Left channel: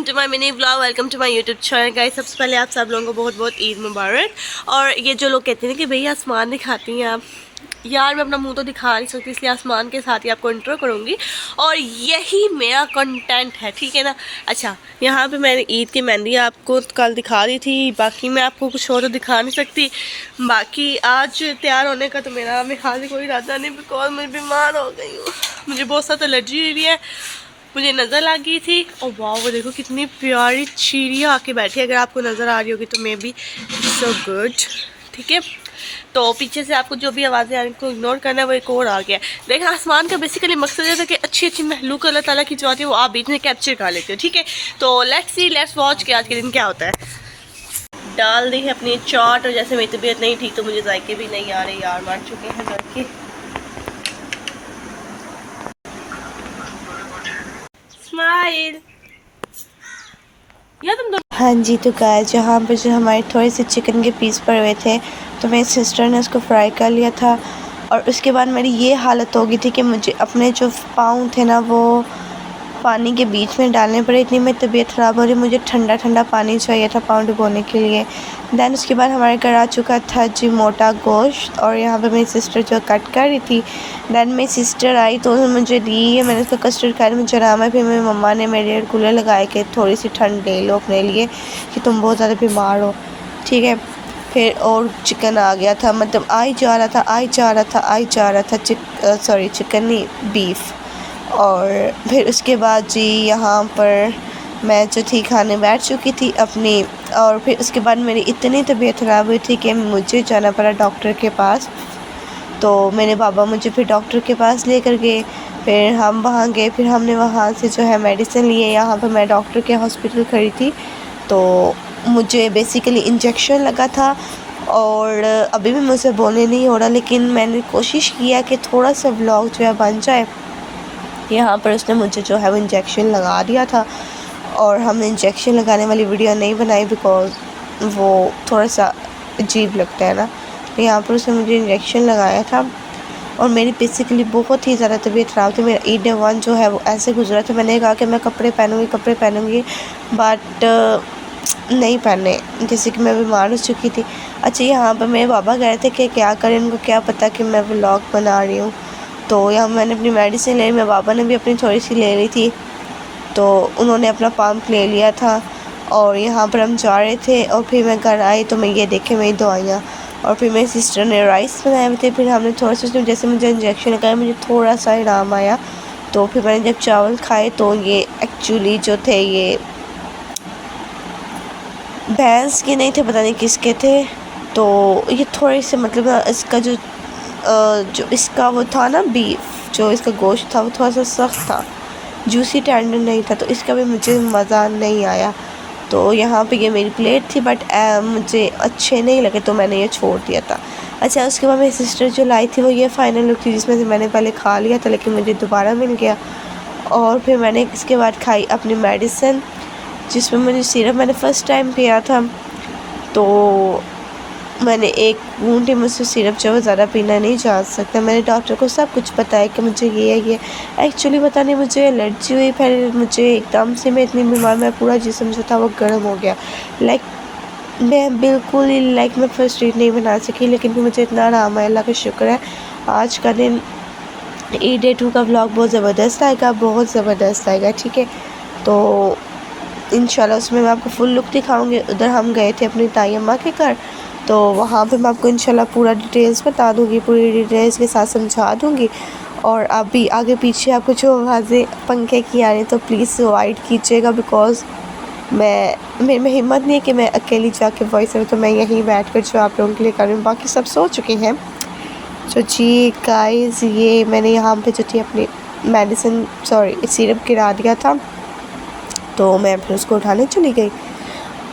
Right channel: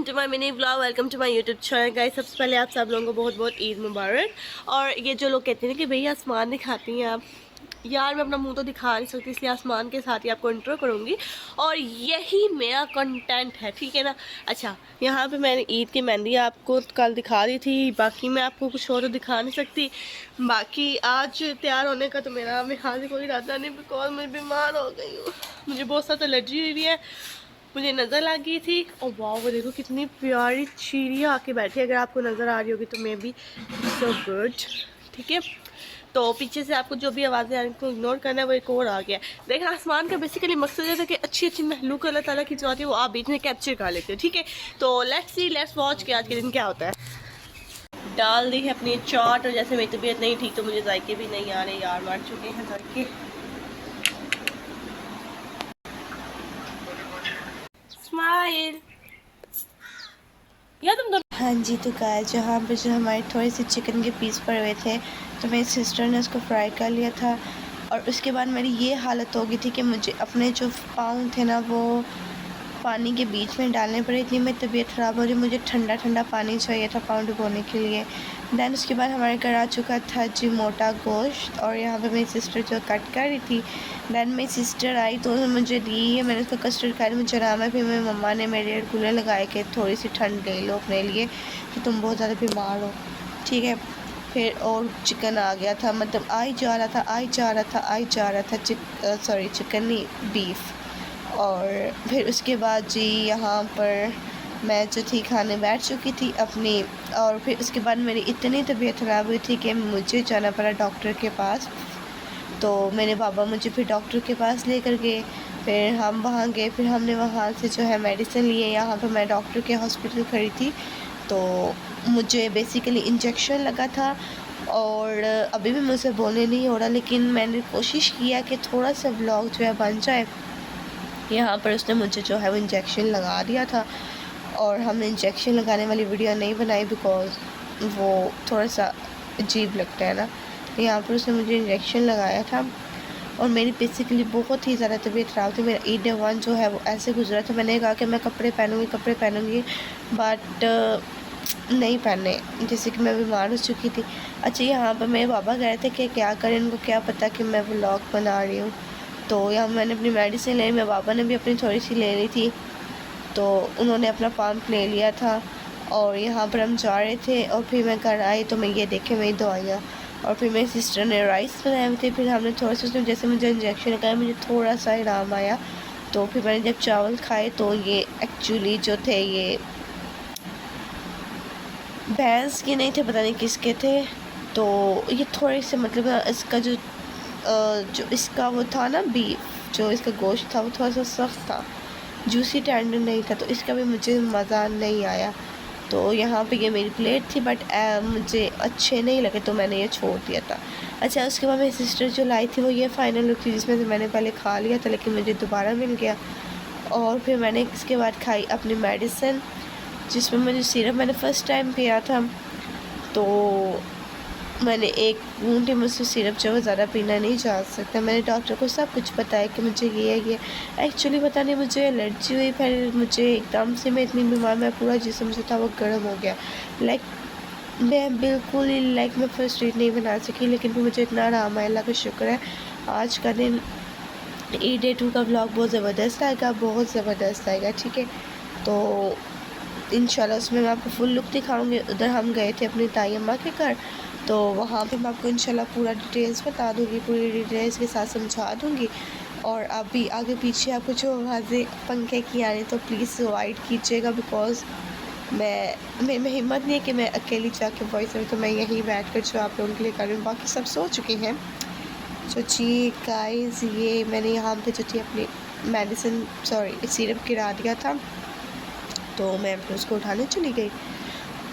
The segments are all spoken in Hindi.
Welcome to my mini vlog, welcome to my YouTube channel guys. सबसे पहले आप सब लोगों को बहुत बहुत ईद मुबारक। और ये जो लोग कहते हैं कि भैया आसमान दिखाती हैं आप, यार मैं अपना मुंह तो दिखा नहीं सकती, इसलिए आसमान के साथ ही आपको इंट्रो करूँगी और यही मेरा कंटेंट है, ठीक है ना। अच्छा, यहाँ पे मैंने ईद की मेहंदी आपको कल दिखा दी थी, बाकी मैं आपको कुछ और तो दिखा नहीं सकती। बाकी आज तैयार होने का तो मेरा हाल ही कोई इरादा नहीं, बिकॉज मैं बीमार हो गई हूँ, मुझे बहुत ज़्यादा एलर्जी हुई है, मुझे नज़र लग गई थी। और वाह, वो देखो कितनी प्यारी चिड़िया आके बैठी है, अगर आपको नज़र आ रही होगी तो मे बी सो गुड, ठीक है। तो पीछे से आपको जो भी आवाज़ें आ रही हैं इग्नोर करना है, वो एक और आ गया। देखिए, आसमान का बेसिकली मकसद ये था कि अच्छी अच्छी महलूक अल्लाह ताला की जो आती है वो आप बीच में कैप्चर कर लेते हो, ठीक है। तो लेट्स वॉच कि आज के दिन क्या होता है। डाल दी है अपनी चाट, और जैसे मेरी तबीयत नहीं ठीक तो मुझे जायके भी नहीं आ रहे, यार मर चुके हैं घर के। हाँ जी, तो गाइस जहाँ पर जो हमारे थोड़े से चिकन के पीस पड़े हुए थे तो मेरी सिस्टर ने उसको फ्राई कर लिया था। और उसके बाद मेरी ये हालत हो गई थी कि मुझे अपने जो पाँव थे ना वो पानी के बीच में डालने पड़े, इतनी मेरी तबीयत ख़राब हो रही, मुझे ठंडा ठंडा पानी चाहिए था पाँव डुबोने के लिए। दैन उसके बाद हमारे घर आ चुका था जी मोटा गोश्त, और यहाँ पे मेरी सिस्टर जो कट कर रही थी। दैन मेरी सिस्टर आई तो उन्होंने मुझे दी है, मैंने उसका कस्टर्ड खाया, मुझे आराम है। फिर मेरी मम्मा ने मेरे लिए कूलर लगाए कि थोड़ी सी ठंड ले लो अपने लिए कि तुम बहुत ज़्यादा बीमार हो, ठीक है। फिर और चिकन आ गया था, मतलब आई जा रहा था चिकन नहीं, बीफ। और फिर उसके बाद जी यहाँ पर मैं जो थी खाने बैठ चुकी थी अपनी। और फिर उसके बाद मेरी इतनी तबीयत ख़राब हुई थी कि मुझे जाना पड़ा डॉक्टर के पास। तो मेरे बाबा मुझे फिर डॉक्टर के पास लेकर गए, फिर हम वहाँ गए, फिर हमने वहाँ से जो है मेडिसिन लिए। यहाँ पर मैं डॉक्टर के हॉस्पिटल खड़ी थी, तो मुझे बेसिकली इंजेक्शन लगा था। और अभी भी मुझसे बोलने नहीं हो रहा, लेकिन मैंने कोशिश किया कि थोड़ा सा व्लॉग जो है बन जाए। यहाँ पर उसने मुझे जो है वो इंजेक्शन लगा दिया था, और हमने इंजेक्शन लगाने वाली वीडियो नहीं बनाई बिकॉज़ वो थोड़ा सा अजीब लगता है ना। तो यहाँ पर उसने मुझे इंजेक्शन लगाया था, और मेरी बेसिकली बहुत ही ज़्यादा तबीयत ख़राब थी। मेरा ईद 1 जो है वो ऐसे गुजरा था, मैंने कहा कि मैं कपड़े पहनूँगी बट नहीं पहने, जैसे कि मैं बीमार हो चुकी थी। अच्छा, यहाँ पर मेरे पापा कह रहे थे कि क्या करें, उनको क्या पता कि मैं व्लॉग बना रही हूँ। तो यहाँ मैंने अपनी मेडिसिन ले ली, मेरे पापा ने भी अपनी थोड़ी सी ले ली थी, तो उन्होंने अपना पंप ले लिया था। और यहाँ पर हम जा रहे थे, और फिर मैं घर आई तो मैं ये देखे मेरी दवाइयाँ, और फिर मेरी सिस्टर ने राइस बनाए हुए थे। फिर हमने थोड़ा सा, जैसे मुझे इंजेक्शन लगाया मुझे थोड़ा सा आराम आया, तो फिर मैंने जब चावल खाए तो ये एक्चुअली जो थे ये भैंस के नहीं थे, पता नहीं किसके थे। तो ये थोड़े से मतलब इसका जो इसका वो था ना बीफ, जो इसका गोश्त था वो थोड़ा सा सख्त था, जूसी टेंडर नहीं था, तो इसका भी मुझे मज़ा नहीं आया। तो यहाँ पे ये मेरी प्लेट थी, बट मुझे अच्छे नहीं लगे तो मैंने ये छोड़ दिया था। अच्छा, उसके बाद मेरी सिस्टर जो लाई थी वो ये फाइनल लुक थी, जिसमें से मैंने पहले खा लिया था लेकिन मुझे दोबारा मिल गया। और फिर मैंने इसके बाद खाई अपनी मेडिसिन, जिसमें मुझे सिरप मैंने फ़र्स्ट टाइम पिया था, तो मैंने एक बूंद ही मुझसे सिरप जो है ज़्यादा पीना नहीं जा सकता। मैंने डॉक्टर को सब कुछ बताया कि मुझे ये एक्चुअली पता नहीं मुझे एलर्जी हुई, फिर मुझे एकदम से मैं इतनी बीमार, मैं पूरा जिस्म जो था वो गर्म हो गया। मैं बिल्कुल ही मैं फर्स्ट एड नहीं बना सकी, लेकिन फिर मुझे इतना आराम है, अल्लाह का शुक्र है। आज का दिन ईद डे 2 का व्लॉग बहुत ज़बरदस्त आएगा, ठीक है। तो इंशाल्लाह उसमें मैं आपको फुल लुक दिखाऊंगी। उधर हम गए थे अपनी ताई अम्मा के घर, तो वहाँ पे मैं आपको इंशाल्लाह पूरा डिटेल्स बता दूँगी, पूरी डिटेल्स के साथ समझा दूँगी। और अभी आगे पीछे आपको जो आवाज़ें पंखे की आ रही तो प्लीज़ अवॉइड कीजिएगा, बिकॉज़ मेरे में हिम्मत नहीं है कि मैं अकेली जाके वॉइस तो मैं यहीं बैठ कर जो आप लोगों के लिए कर रही हूँ, बाकी सब सो चुके हैं। तो जी गाइस, ये मैंने यहाँ पे जो थी अपनी मेडिसिन सिरप गिरा दिया था, तो मैं फिर उसको उठाने चली गई।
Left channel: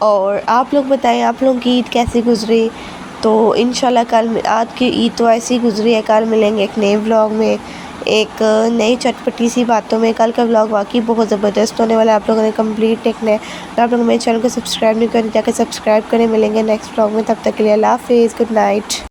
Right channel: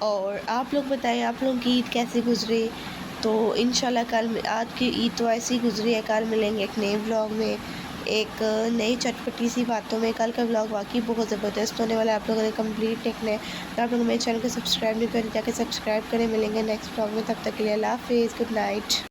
और आप लोग बताएं आप लोगों की ईद कैसी गुजरी। तो इंशाल्लाह कल आज की ईद तो ऐसी गुजरी है, कल मिलेंगे एक नए व्लॉग में, एक नई चटपटी सी बातों में। कल का व्लॉग वाकई बहुत ज़बरदस्त होने वाला है, आप लोगों ने कंप्लीट देखना है। अगर आप लोग मेरे चैनल को सब्सक्राइब नहीं करें जाकर सब्सक्राइब करें। मिलेंगे नेक्स्ट व्लॉग में, तब तक के लिए अल्लाह हाफिज़, गुड नाइट।